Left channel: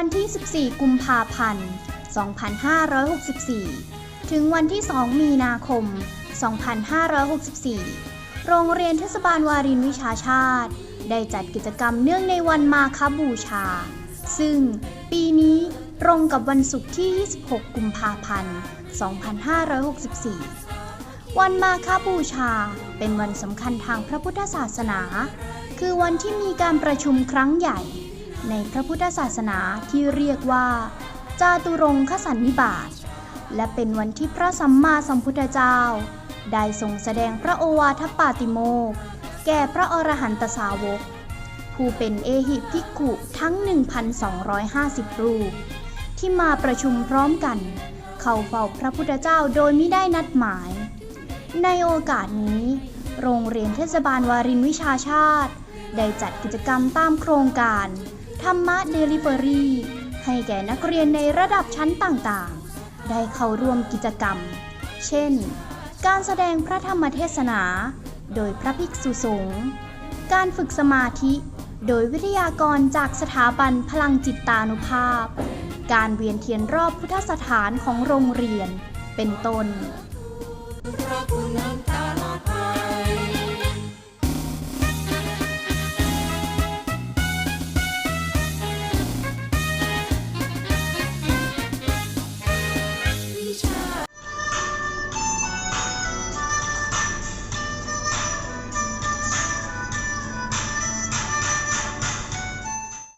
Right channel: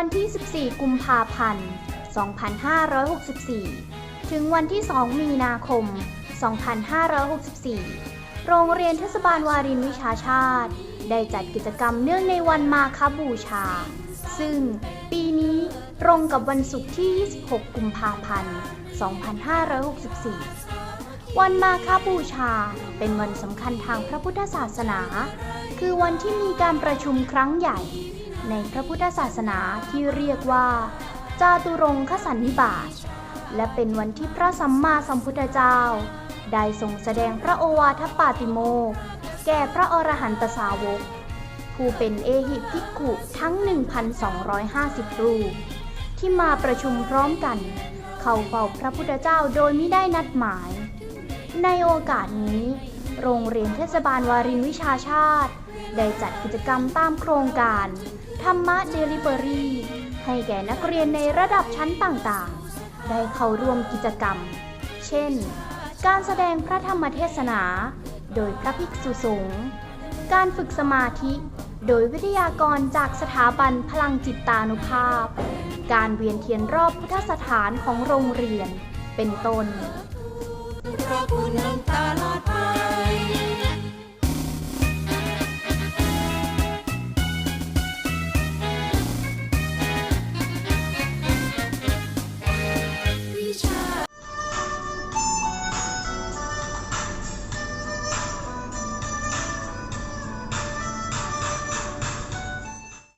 ันที่ 14 กุมภาพันธ์ 2564 ถึงวันที่ 2 มีนาคม 2564 โรงเรียนเทศบาลวารินวิชาชาติ ได้จัดกิจกรรมเนื่องในวันมาคบูชา ซึ่งปีนี้ตรงกับวันศุกร์ที่ 26 กุมภาพันธ์ 2564 วันมาคบูชาเป็นวันสำคัญทางพระพุทธศาสนา คือวันที่มีการประชุมครั้งใหญ่ ในพระพุทธศาสนาที่เรียกว่า จาตุรงคสันนิบาต และเป็นวันที่พระสัมมาสัมพุทธเจ้า ได้ทรงแสดงพระโอวาทปาติโมกแก่พระอรหันตสาวก ผู้เป็นเอหิภิกขุทั้ง 1,250 รูป ที่มาประชุมพร้อมกัน เข้าเฝ้าพระพุทธเจ้าโดยไม่ได้นัดหมาย ในโอกาสนี้ โรงเรียนเทศบาลวารินวิชาชาติ ได้จัดกิจกรรมตามโครงการ ธรรมะเดลิเวอรี่ให้แก่นักเรียนในระดับชั้นต่างๆ ได้เข้าร่วมกิจกรรม เช่น การแสดงพระธรรมเทศนา โดยพระภิกษุสงฆ์ การฝึกสมาธิ โดยวิทยากรจากสถาบันพลังจิตตานุภาพ การเวียนเทียนรอบพุทธสถานของโรงเรียน เป็นต้น